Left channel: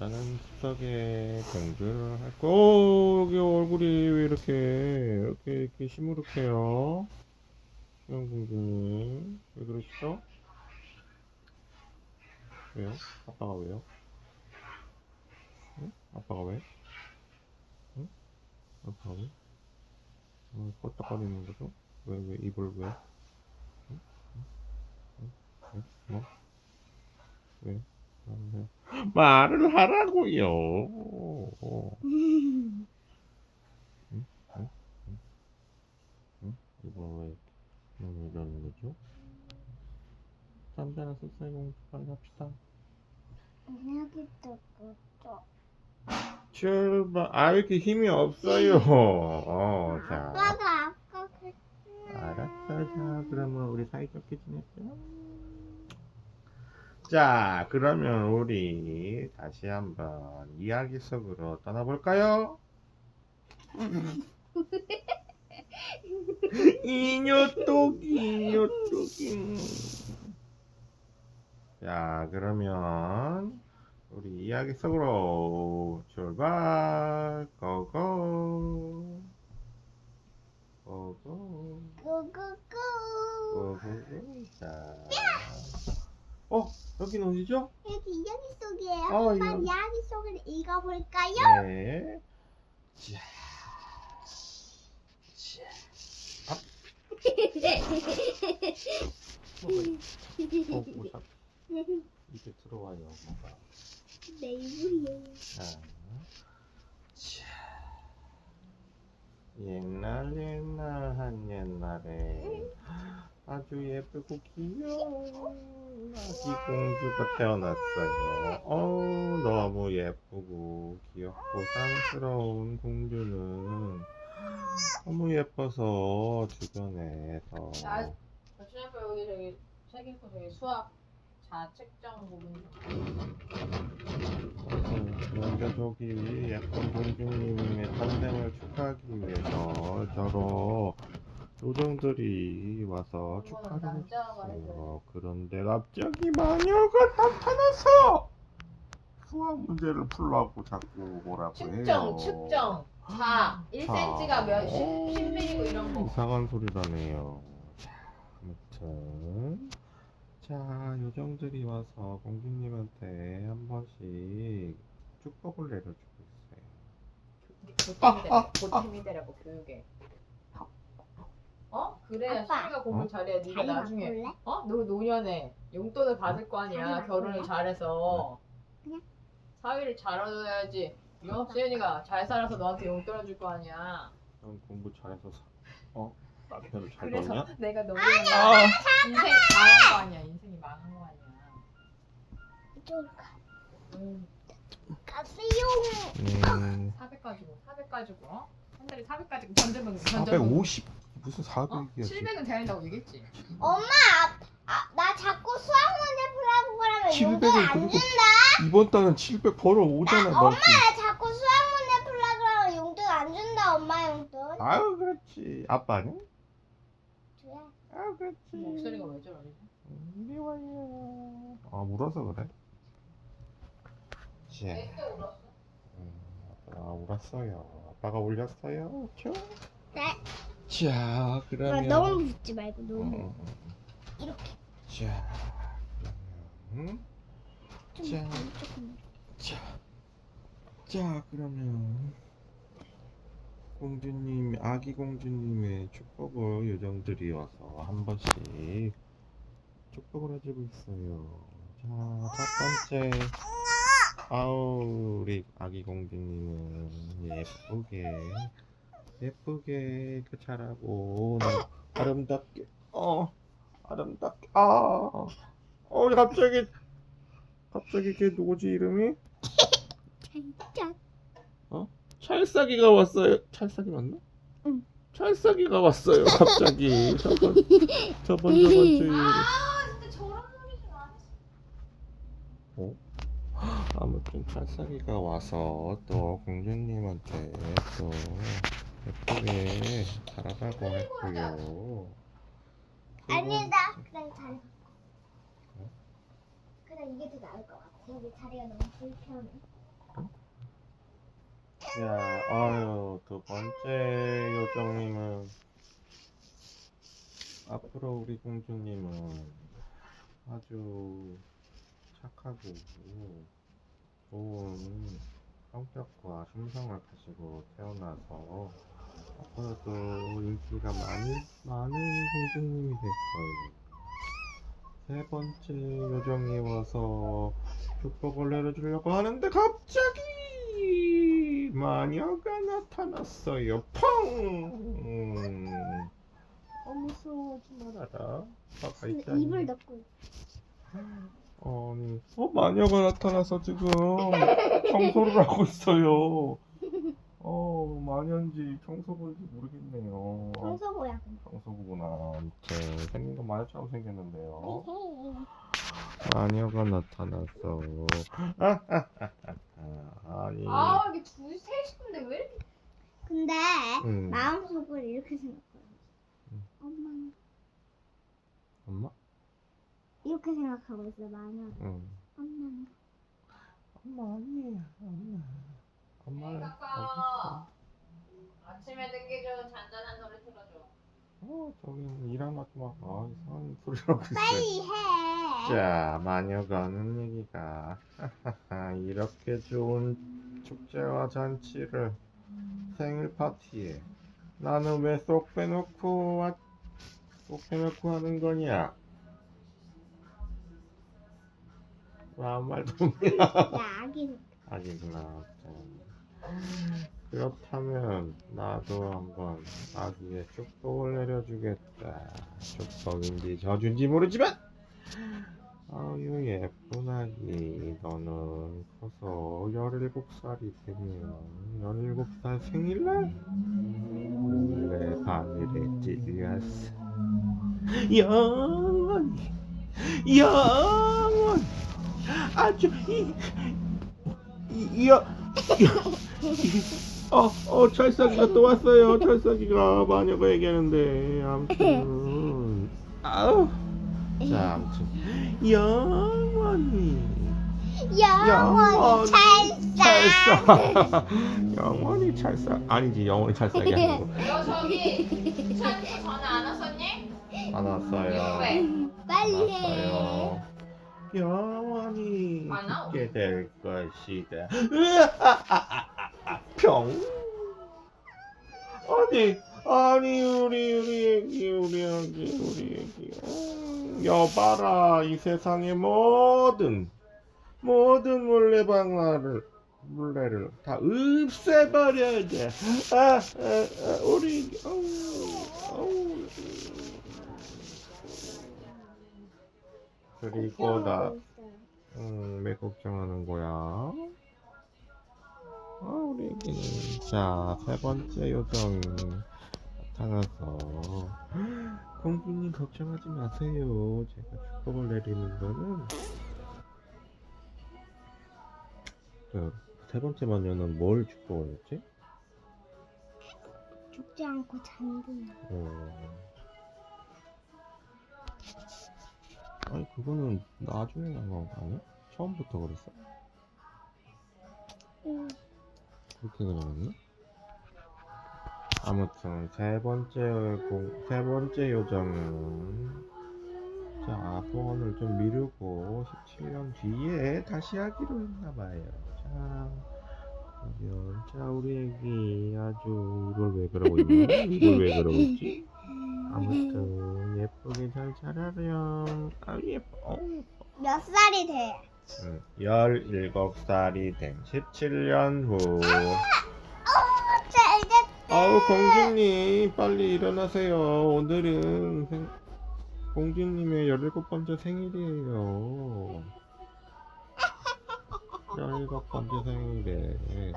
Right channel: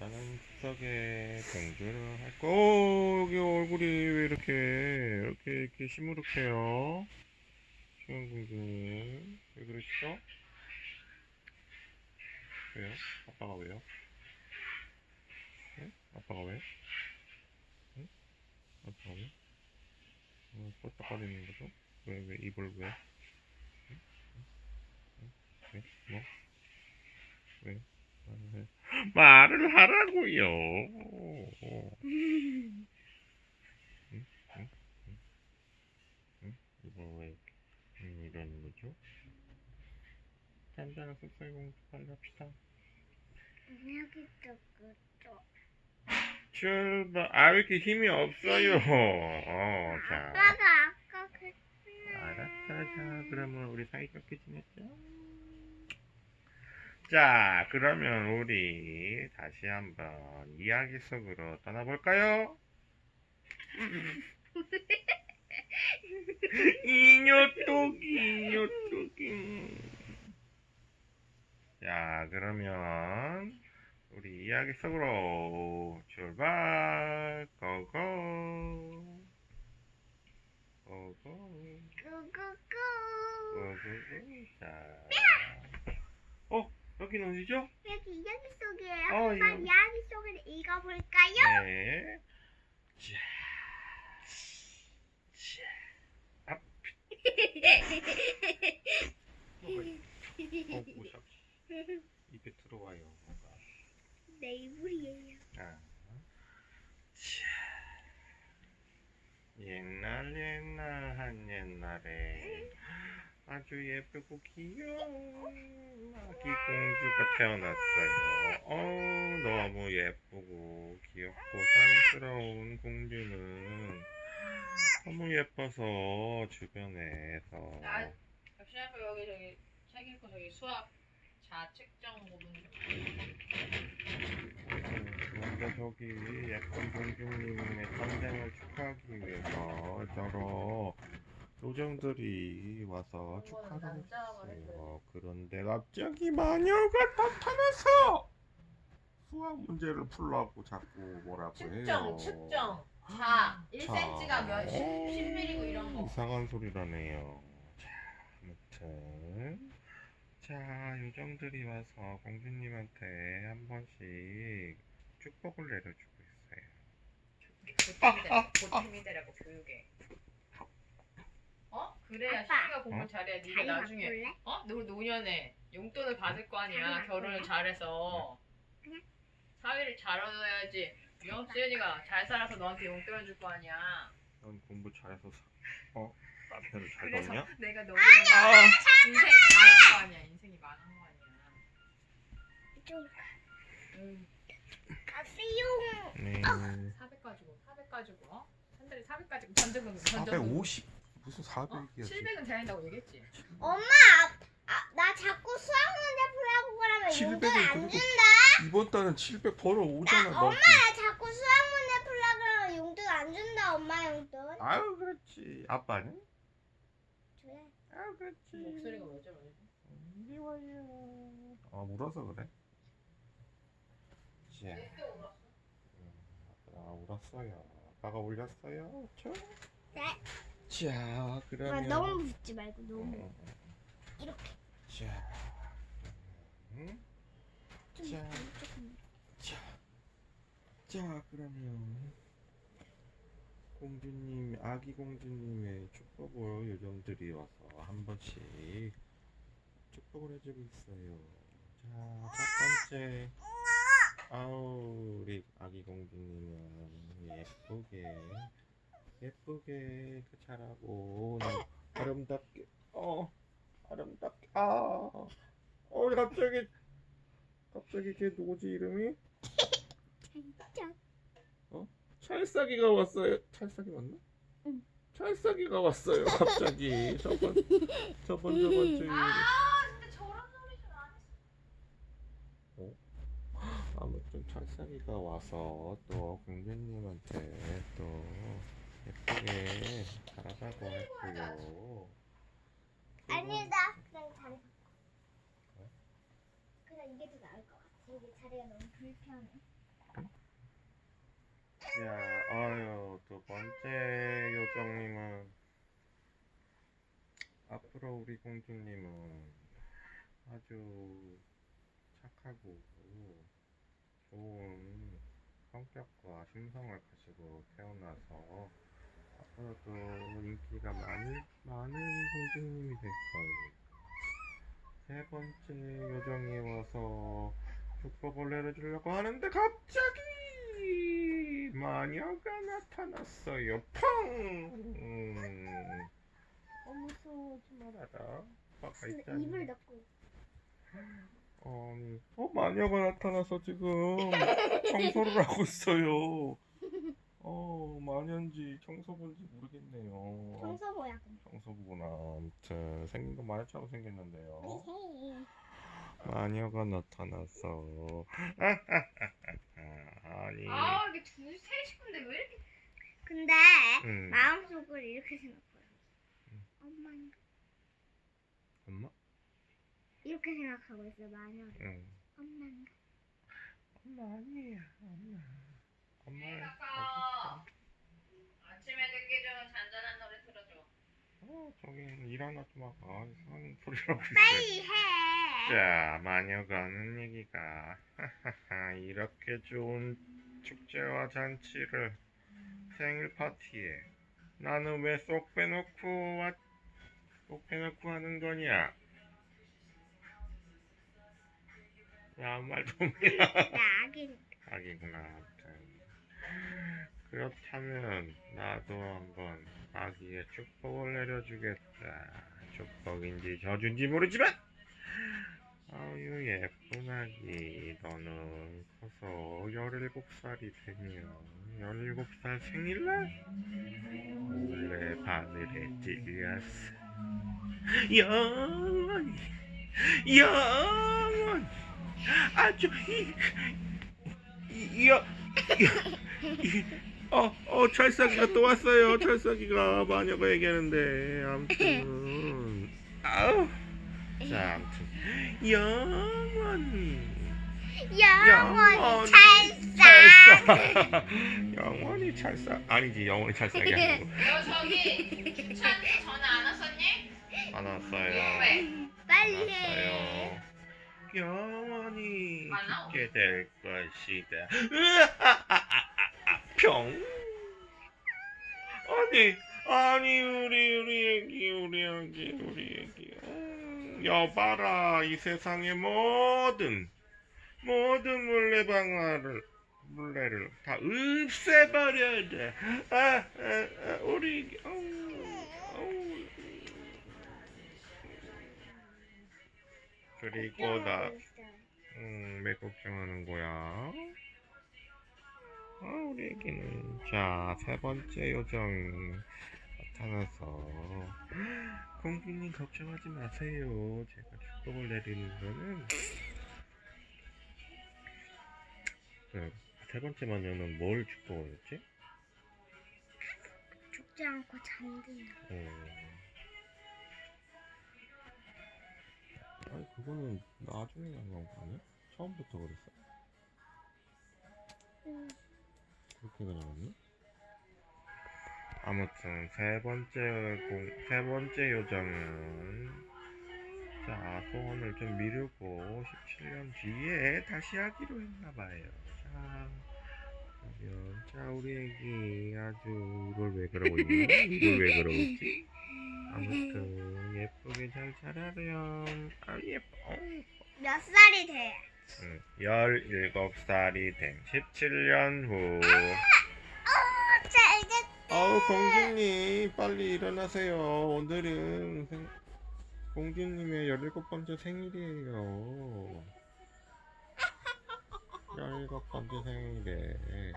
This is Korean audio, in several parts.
여자는 숲속에 공부를 하고, 여기 얼굴이 왜 이렇게 시무룩해요? 수영공주님, 왜 그러시죠? 왜요? 아빠가 왜요? 응? 아빠가 왜? 응? 아빠가 왜? 껐덕거리는 거죠? 왜, 입을 왜? 응? 응? 왜? 뭐? 왜? 왜? 말을 하라고요. 응? 응? 응? 응? 이걸 왜 이러는 거죠? 잠자는 숲속의 공주 빨리 합시다. 여기도 그죠. 출발. 아, 왜 이렇게 힘이 없어요? 자. 아빠가 아까 그랬어요. 알았어. 자, 그러면 우리 사이좋게 지냈죠? 자, 그러면 우리 다시 한번 이야기 속으로 떠나볼까요? 이녀똑이. 자, 그러면 우리 이야기 속으로 출발. 고고. 고고. 구구구. 고고. 자. 여기는 어디죠? 여기 이야기 속이에요. 어, 한번 이야기. 이야기 속을 읽어볼까요? 네. 자. 자. 앞. 뭐야? 입에 들어와요, 뭐가. 내 이불이에요. 자. 자. 옛날 한 옛날에 아주 예쁘고 귀여운 아기 공주가 태어났어요. 너무 예쁘고 귀엽고 사랑스러운 공주는 너무 예뻐서 주변에서 역시 아빠 여기 저기 책 읽고 저기 수학 자책정 부분 좀. 그런데 저기 예쁜 공주님의 탄생을 축하하기 위해서 여러 요정들이 와서 축하를 남자가 해줬어요. 그런데 갑자기 마녀가 나타나서 수학 문제를 풀라고 자꾸 뭐라고 해요. 측정 1cm가 몇 10mm고 이런 거. 이상한 소리라네요. 자, 아무튼 자, 요정들이 와서 공주님한테 한 번씩 축복을 내려주고 있어요. 보탬이 되라고 교육에. 그래야 아빠. 시기가 공부 잘해야 네가 자리 나중에 바꿀래? 너 노년에 용돈을 받을 거 아니야. 자리 결혼을 바꿀래? 잘해서 그냥. 사위를 잘 얻어야지. 수연이가 잘 살아서 너한테 용돈을 줄 거 아니야. 넌 공부 잘해서 남편을 잘 그래서 먹냐? 내가 너무 인생 망한 거 아니야. 인생이 망한 거 아니야. 이쪽으로 가. 응. 가세요. 네. 400 가지고 한 달에 400 가지고 던져보는 거. 450 무슨 400이야? 700은 돼야 된다고 얘기했지. 엄마, 나 자꾸 수학 문제 풀라고 그러면 700은 용돈 안 그리고 준다. 이번 달은 700 벌어오잖아. 너. 엄마, 나 자꾸 수학 문제 풀라 그러면 용돈 안 준다. 엄마 용돈. 아유 그렇지. 아빠는? 줘야. 아유 그렇지. 목소리가 왜 저러지? 이리 와요. 울어서 그래. 자, 또 울었어? 아빠가 울었어요. 아빠가 울렸어요. 죠? 네. 자, 엄마, 그러면 너무 붙지 말고 너무. 어. 이렇게. 자, 그러면 자. 조금. 자, 그러면 아기 공주님의 축복을 요정들이 와서 한 번씩 축복을 해주고 있어요. 자, 첫 번째, 우리 아기 공주님은 예쁘게 자라고 아름답게, 갑자기 걔 누구지 이름이? 짝. 찰싹이가 왔어요. 찰싹이 맞나? 응. 찰싹이가 왔어요. 갑자기 저번 주 진짜 저런 놈이진 않았어. 아무튼 찰싹이가 와서 또 공주님한테 또 예쁘게 자라라고 했고요. 아니다. 그냥 자리 바꿔. 그냥 이게 더 나을 것 같아. 여기 자리가 너무 불편해. 자, 아유, 두 번째 요정님은 앞으로 우리 공주님은 아주 착하고 좋은 성격과 심성을 가지고 태어나서 앞으로도 인기가 많은 공주님이 될 거예요. 세 번째 요정이 와서 축복을 내려주려고 하는데 갑자기 마녀가 나타났어요. 펑! 무서워하지 말아라. 아까 있잖아. 입을 닫고 있어. 아니, 마녀가 나타나서 지금 청소를 하고 있어요. 마녀인지 청소부인지 모르겠네요. 청소보야. 청소부구나. 아무튼 생긴 건 마녀처럼 생겼는데요. 마녀가 나타났어. 아니. 이게 둘이 셋인데 왜 이렇게 근데 음. 마음속으로 이렇게 생각해요. 엄마인가? 엄마? 이렇게 생각하고 있어 마녀. 응. 엄마인가? 엄마 아니에요. 엄마를 깎아. 아침에 듣기 좋은 잔잔한 노래 틀어줘. 저긴 일어나서 막 이상한 소리라고 있어요. 빨리 해. 자, 마녀가 하는 얘기가 이렇게 좋은 축제와 잔치를 생일 파티에 나는 왜 쏙 빼놓고 하는 거냐? 아무 말도 없냐? 나 아기. 아기구나. 아무튼 그렇다면 나도 한번 아기의 축복을 내려주겠다. 축복인지 저주인지 모르지만 아유 예쁜 아기, 너는 커서 17살이 되면 17살 생일날 몰래 바늘에 찔렸어. 영원히 아주 철석이가 또 왔어요. 철석이가 마녀가 얘기하는데 아무튼 자, 아무튼 영원히 찰싹 영원히 찰싹 아니지, 영원히 찰싹이 아니고 너 저기 찬스 전화 안 왔었니? 안 왔어요. 왜? 빨리 안 해. 왔어요. 영원히 안 나와? 죽게 될 것이다. 평. 아니 우리 애기 여봐라, 이 세상의 모든 물레를 다 없애버려야 돼. 우리 애기 그리고 왜 걱정하는 거야? 우리 애기는 자, 세 번째 요정 나타나서 공주님 걱정하지 마세요. 제가 축복을 내리는 거는 세 번째 마녀는 뭘 축복을 했지? 죽지 않고 잔디야. 아니 그거는 나중에 나온 거 아니야? 처음부터 그랬어? 그렇게 그려놨나? 아무튼 세 번째 요정은 자, 소원을 좀 미루고 17년 뒤에 다시 하기로 했나봐요. 자, 그러면 우리 애기 아주 이걸 왜 그러고 있지? 아무튼 예쁘게 잘 자라렴. 예뻐. 몇 살이 돼? 17살이 된 17년 후. 잘 됐다. 공주님 빨리 일어나세요. 오늘은 공주님의 17번째 생일이에요. 17번째 생일에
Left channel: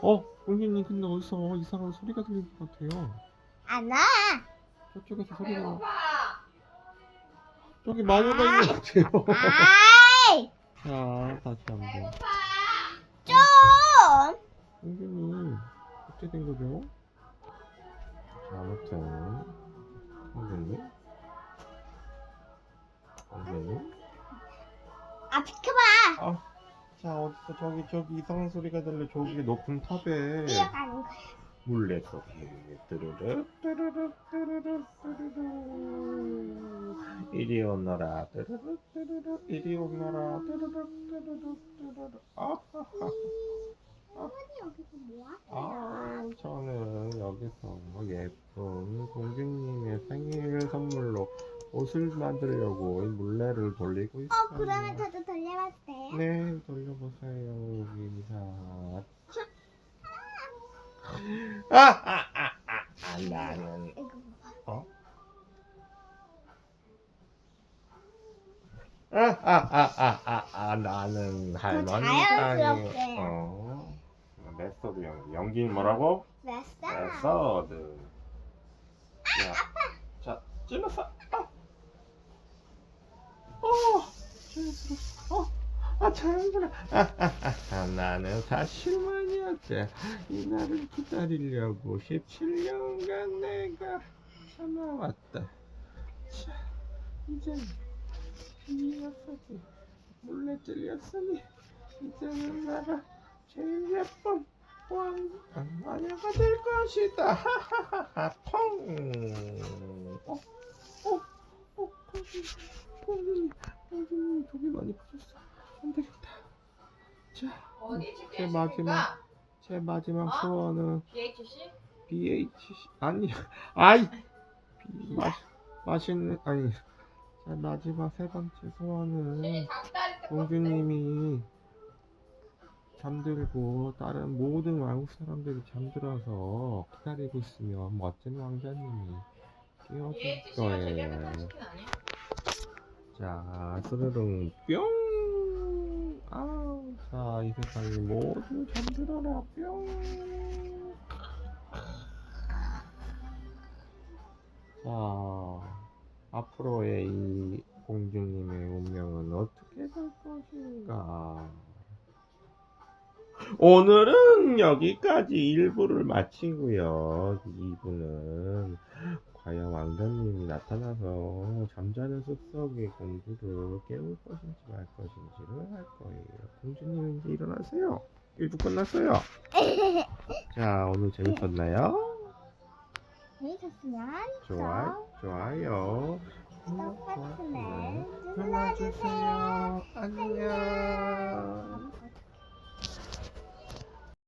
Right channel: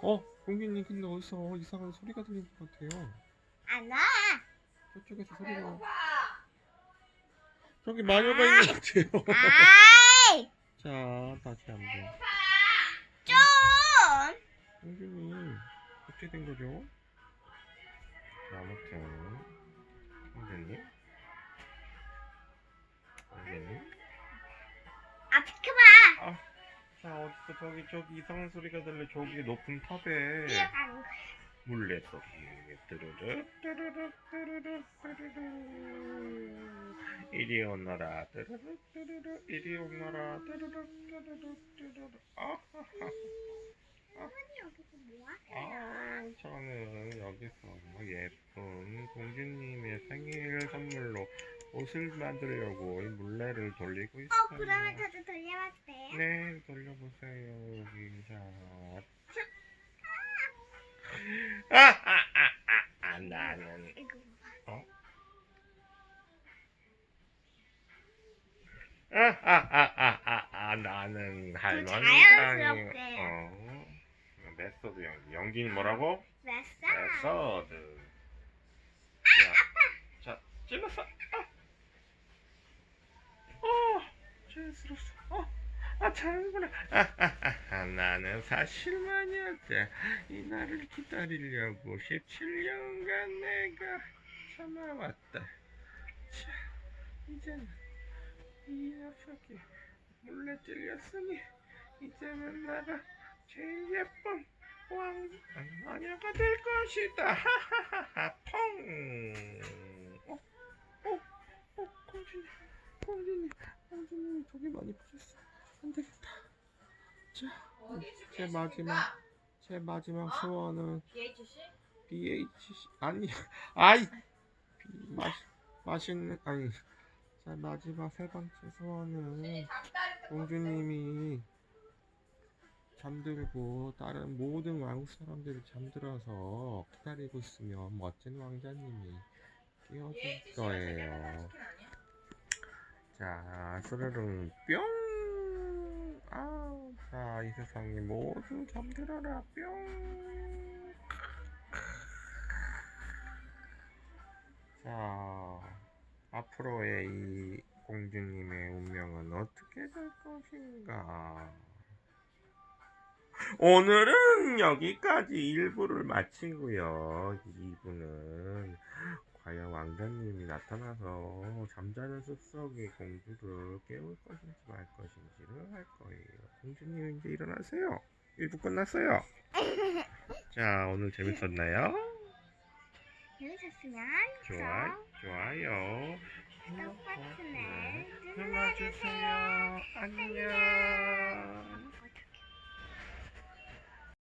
공주님 근데 어디서 이상한 소리가 들리는 것 같아요. 안 와. 저쪽에서 소리가 배고파. 저기 마녀가 있는 것 같아요. 아이, 자, 다시 한번. 좀. 공주님 어떻게 된 거죠? 아무튼 공주님 아, 비켜봐. 자, 어디서 저기 이상한 소리가 들려. 저기 높은 탑에 뛰어가는 거야. 물레 소리. 뚜루루 뚜루루 뚜루루 뚜루루. 이리 오너라. 뚜루루 뚜루루. 이리 오너라. 뚜루루 뚜루루 뚜루루. 아하하. 할머니 여기서 뭐 하세요? 아, 저는 여기서 예쁜 공주님의 생일 선물로 옷을 만들려고 이 물레를 돌리고 있어요. 그러면 저도 돌려봐도 돼요? 네, 돌려보세요. 여기 자, 짝. 나는 이거 봐. 어? 나는 할머니 자연스럽게. 땅에 메소드 연기는 뭐라고? 됐어. 메소드. 자, 찔렀어. 자연스럽어. 자연스러워. 나는 사실만이었대. 이 날을 기다리려고 17년간 내가 참아왔다. 자, 이제는 이 녀석이 몰래 찔렸으니 이제는 나가 제일 예쁜 마녀가 될 것이다. 하하하하. 펑. 공주님 독이 많이 붙었어. 안 되겠다. 자, 어디 제 마지막 소원은 BHC? BHC 아니 맛있는 제 마지막 세 번째 소원은 공주님이 잠들고 다른 모든 왕국 사람들이 잠들어서 기다리고 있으면 멋진 왕자님이 깨워줄 BHC가 거예요. 세계메탈 치킨 아니야? 자, 스르릉 뿅. 자, 이 세상이 모두 잠들어라 뿅. 자, 앞으로의 이 공주님의 운명은 어떻게 될 것인가? 오늘은 여기까지 1부를 마치고요. 2부는 과연 왕자님이 나타나서 잠자는 숲속의 공주를 깨울 것인지 말 것인지를 할 거예요. 공주님 이제 일어나세요. 1부 끝났어요. 자, 오늘 재밌었나요? 재밌었으면 좋아요. 구독 버튼을 눌러주세요. 안녕.